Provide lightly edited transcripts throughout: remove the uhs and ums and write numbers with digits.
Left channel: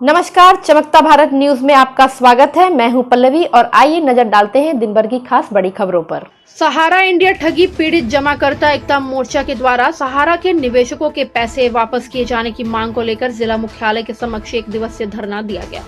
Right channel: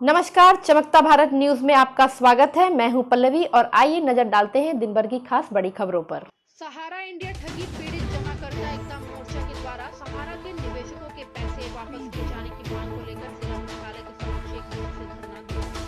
नमस्कार, चमकता भारत न्यूज में आपका स्वागत है। मैं हूं पल्लवी और आइए नजर डालते हैं दिन भर की खास बड़ी खबरों पर। सहारा इंडिया ठगी पीड़ित जमाकर्ता एकता मोर्चा के द्वारा सहारा के निवेशकों के पैसे वापस किए जाने की मांग को लेकर जिला मुख्यालय के समक्ष 1 दिवसीय धरना दिया गया।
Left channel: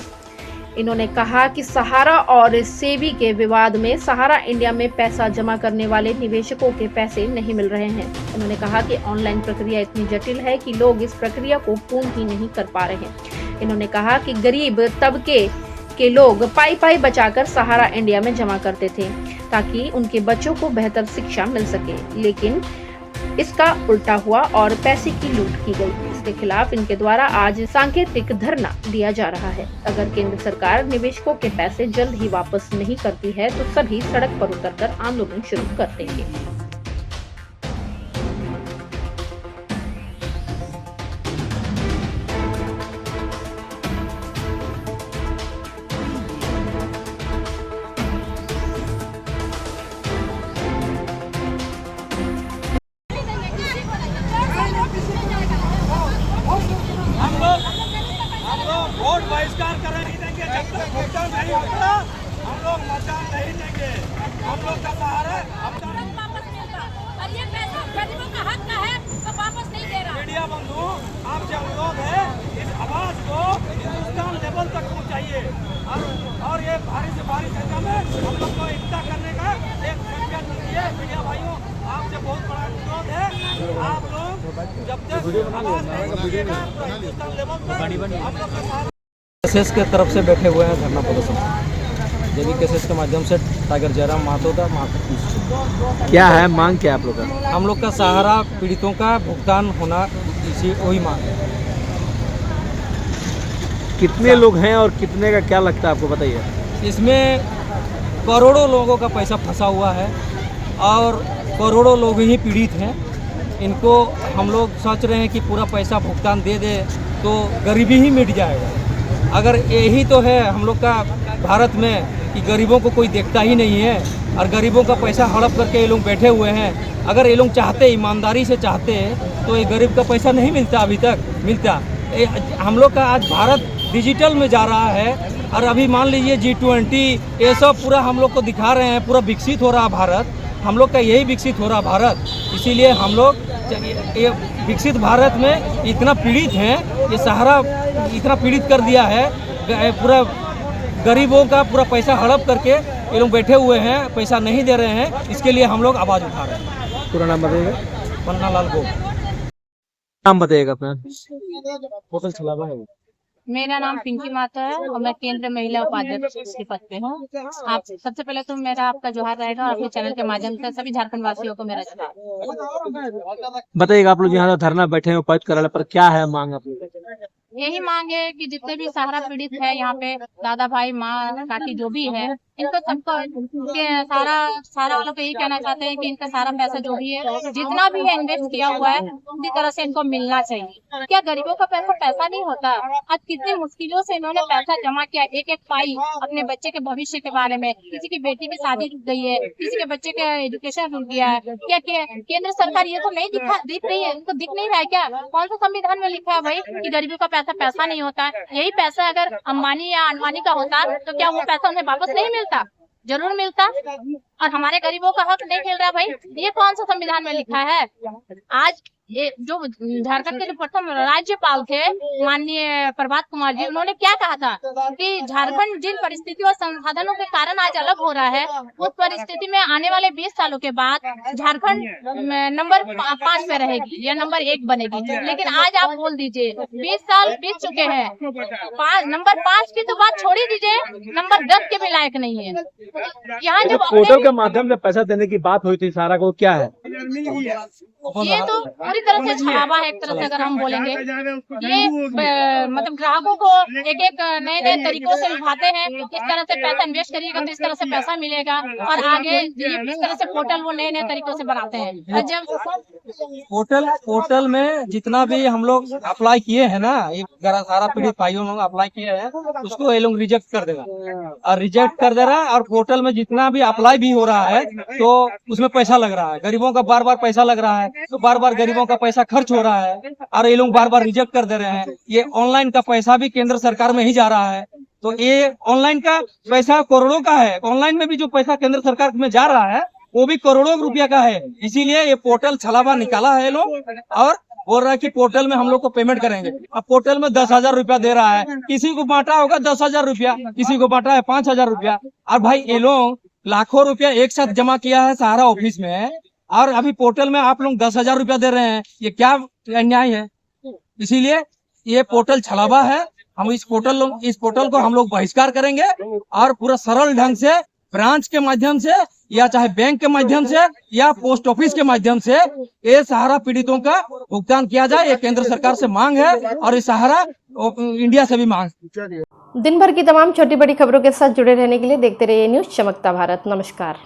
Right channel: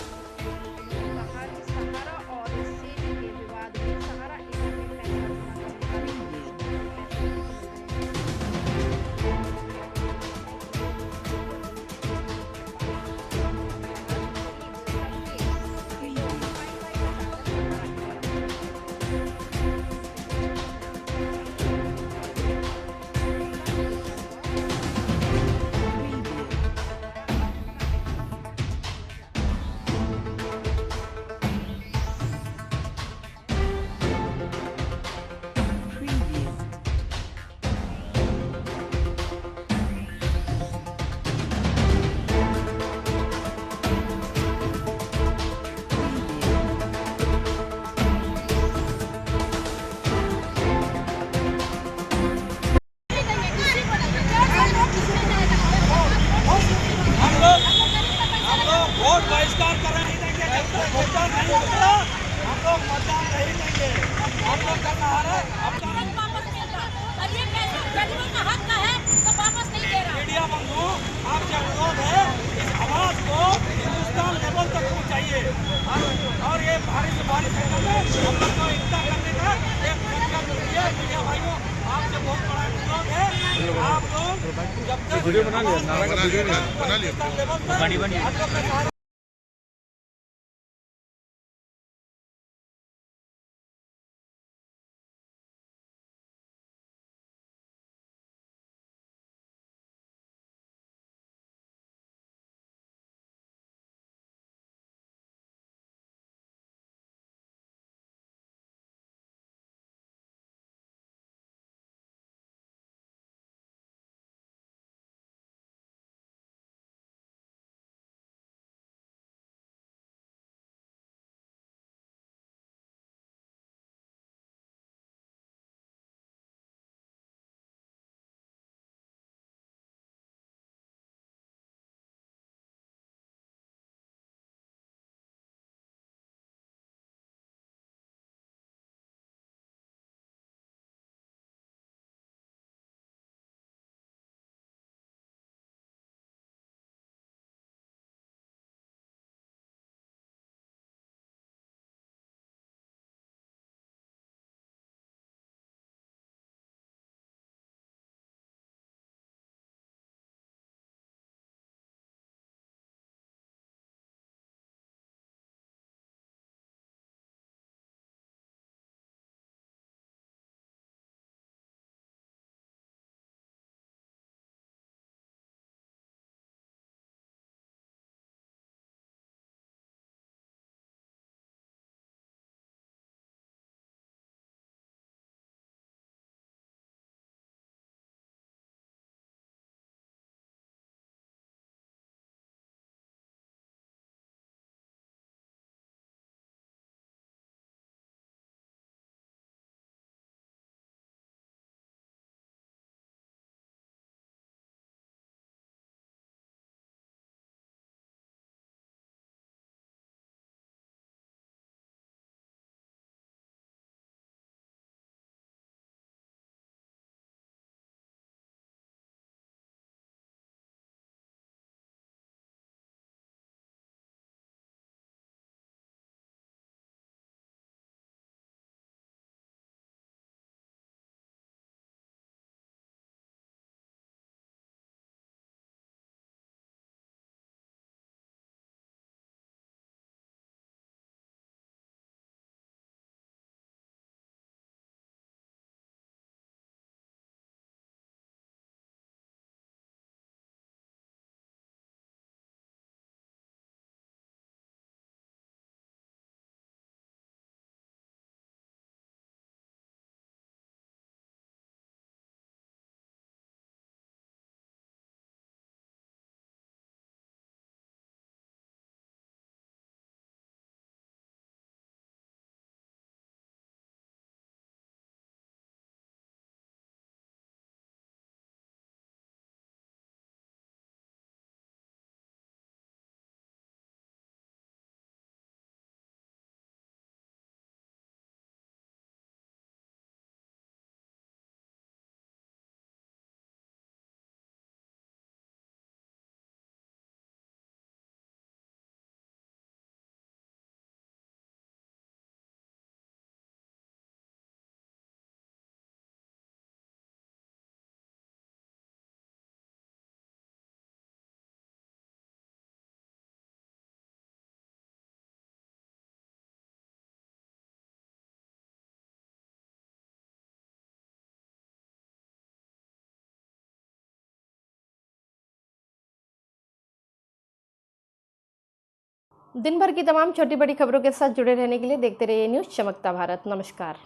इन्होंने कहा कि सहारा और सेबी के विवाद में सहारा इंडिया में पैसा जमा करने वाले निवेशकों के पैसे नहीं मिल रहे हैं। उन्होंने कहा कि ऑनलाइन प्रक्रिया इतनी जटिल है कि लोग इस प्रक्रिया को पूर्ण ही नहीं कर पा रहे हैं। इन्होंने कहा कि गरीब तबके के लोग पाई बचाकर सहारा इंडिया में जमा करते थे ताकि उनके बच्चों को बेहतर शिक्षा मिल सके, लेकिन इसका उल्टा हुआ और पैसे की लूट की गई। इसके खिलाफ इनके द्वारा आज सांकेतिक धरना दिया जा रहा है। अगर केंद्र सरकार निवेशकों के पैसे जल्द ही वापस नहीं करती है तो सभी सड़क पर उतरकर आंदोलन शुरू कर देंगे। हम लोग वोट बहिष्कार कर रहे हैं, भुगतान नहीं होगा, हम लोग मतदान नहीं देंगे। हम लोग का सहारा वापस मिलता और ये पैसा गरीबों का हक का है तो वापस नहीं दे रहा। मीडिया बंधु, आपसे अनुरोध है इस आवाज को हिंदुस्तान लेवल तक पहुँचाइए और ये भारी से भारी संख्या में हम लोग को एकता करने का एक संकल्प लीजिए। मीडिया भाइयों, आपसे बहुत बड़ा अनुरोध है, आप लोग जब तक वीडियो बना लिया, हिंदुस्तान लेवल तक आप लोग का सहारा केसेस के तरफ से बैठे हुए हैं धरना प्रदर्शन। जेबी केसेस के माध्यम से टाइगर जयराम महतो था। क्या है मांग, क्या आप लोग का? हम लोग का सहारा पीड़ितों का भुगतान होना, इसी वही मांग है। कितने लोग हैं और कितने का क्या लगता है आपको, बताइए। इसमें करोड़ों लोगों का पैसा फंसा हुआ है और करोड़ों लोग ही पीड़ित हैं। इनको हम लोग सोच रहे हैं कि पूरा पैसा भुगतान दे दे तो गरीबी ही मिट जाएगा। अगर यही तो है हम लोग का भारत में कि गरीबों को कोई देखता ही नहीं है और गरीबों का पैसा हड़प करके ये लोग बैठे हुए हैं। अगर ये लोग चाहते, ईमानदारी से चाहते तो ये गरीब का पैसा नहीं मिलता, अभी तक मिलता। हम लोग का आज भारत डिजिटल में जा रहा है और अभी मान लीजिए G20 ये सब पूरा हम लोग को दिखा रहे हैं, पूरा विकसित हो रहा भारत। हम लोग का यही विकसित हो रहा भारत, इसीलिए हम लोग ये विकसित भारत में इतना पीड़ित हैं, ये सहारा इतना पीड़ित कर दिया है, पूरा गरीबों का पूरा पैसा हड़प करके ये लोग बैठे हुए हैं, पैसा नहीं दे रहे हैं। इसके लिए हम लोग आवाज़ उठा रहे हैं। पूरा नाम बताइएगा। पन्ना लाल गोप। नाम बताइएगा अपना। होटल चलावा है। मेरा नाम पिंकी माता है और मैं केंद्रीय महिला उपाध्यक्ष के पद पे हूँ। आप सबसे पहले तो मेरा आपका जोहार रहेगा और अपने चैनल के माध्यम से सभी झारखंड वासियों को मेरा जोहार। बताइएगा, आप लोग यहाँ धरना बैठे हैं उपज कराने पर, क्या है मांग आप लोग? यही मांग है कि जितने भी सहारा पीड़ित है यहाँ पे, दादा भाई माँ काकी जो भी है, इनको सबको सारा वालों को यही कहना चाहते हैं कि इनका सारा पैसा जो भी है, जितना भी है इन्वेस्ट किया हुआ है, पूरी तरह से इनको मिलना चाहिए। क्या गरीबों का पैसा नहीं होता? आज कितनी मुश्किलों से इन्होंने पैसा जमा किया, एक एक पाई अपने बच्चे के भविष्य के बारे में। किसी की बेटी की शादी रुक गई है, किसी के बच्चे का एजुकेशन रुक गया है। क्या केंद्र सरकार ये तो नहीं दिख रही है? इनको दिख नहीं रहा है क्या? कौन सा संविधान में लिखा है भाई कि गरीबों का पैसा नहीं होता है? यही पैसा अगर अंबानी या अडवाणी का होता तो क्या वो पैसा उन्हें वापस नहीं मिलता? जरूर मिलता। और हमारे गरीबों का हक नहीं मिल रहा भाई, ये कौन सा संविधान में लिखा है? आज ये जो झारखंड के जो प्रथम राज्यपाल थे माननीय प्रभात कुमार जी, उन्होंने क्या कहा था कि झारखंड जिन परिस्थितियों और संसाधनों के कारण आज अलग हो रहा है, उस परिस्थिति में आने वाले 20 सालों के बाद झारखंड नंबर 5 पे रहेगी या नंबर 1 बनेगी। लेकिन आज आप बोल दीजिए 20 साल बीत चुके हैं, नंबर 5 की तो बात छोड़ ही दीजिए, नंबर 10 के भी लायक नहीं है। यहाँ जब पोर्टल के माध्यम से पैसा देने की बात हुई थी सारा को, क्या है ये तो पूरी तरह से छलावा है। एक तरह से अगर हम बोलेंगे, ये मतलब ग्राहकों को एक नए तरीकों से लुभाते हैं। इस तरह से पैसा इन्वेस्ट करिएगा तो इस तरह से पैसा मिलेगा और आगे इस तरह से पोर्टल वो नए तरीकों से बनाते हैं। और जब पोर्टल में जितना भी हम लोग अप्लाई किए हैं ना, ये सारा पीड़ित भाइयों लोग अप्लाई किए हैं, उसको ये लोग रिजेक्ट कर देगा और रिजेक्ट कर दे रहा है। और पोर्टल में जितना भी अप्लाई भी हो रहा है तो उसमें पैसा लग रहा है, गरीबों का बार बार पैसा लग रहा है। तो बार बार गरीबों का पैसा खर्च हो रहा है और ये लोग बार बार रिजेक्ट कर दे रहे हैं। ये ऑनलाइन का पैसा भी केंद्र सरकार में ही जा रहा है, तो ये ऑनलाइन का पैसा करोड़ों का है। ऑनलाइन में भी जो पैसा केंद्र सरकार में जा रहा है वो भी करोड़ों रुपया का है। इसीलिए ये पोर्टल छलावा निकाला है लोग और बोल रहा है कि पोर्टल में हम लोग को पेमेंट करेंगे। अब पोर्टल में 10,000 रुपया दे रहा है, किसी को बांटा होगा 10,000 रुपया, किसी को बांटा है 5,000 रुपया। और भाई ये लोग लाखों रुपया एक साथ जमा किया है सहारा ऑफिस में और अभी पोर्टल में आप लोग 10,000 रुपया दे रहे हैं, ये क्या अन्याय है। इसीलिए ये पोर्टल छलावा है। हम इस पोर्टल को हम लोग बहिष्कार करेंगे और पूरा सरल ढंग से ब्रांच के माध्यम से या चाहे बैंक के माध्यम से या पोस्ट ऑफिस के माध्यम से ये सहारा पीड़ितों का भुगतान किया जाए। ये केंद्र सरकार से मांग है और ये सहारा इंडिया से भी मांग। दिन भर की तमाम छोटी बड़ी खबरों के साथ जुड़े रहने के लिए देखते रहिए न्यूज़ चमकता भारत। नमस्कार।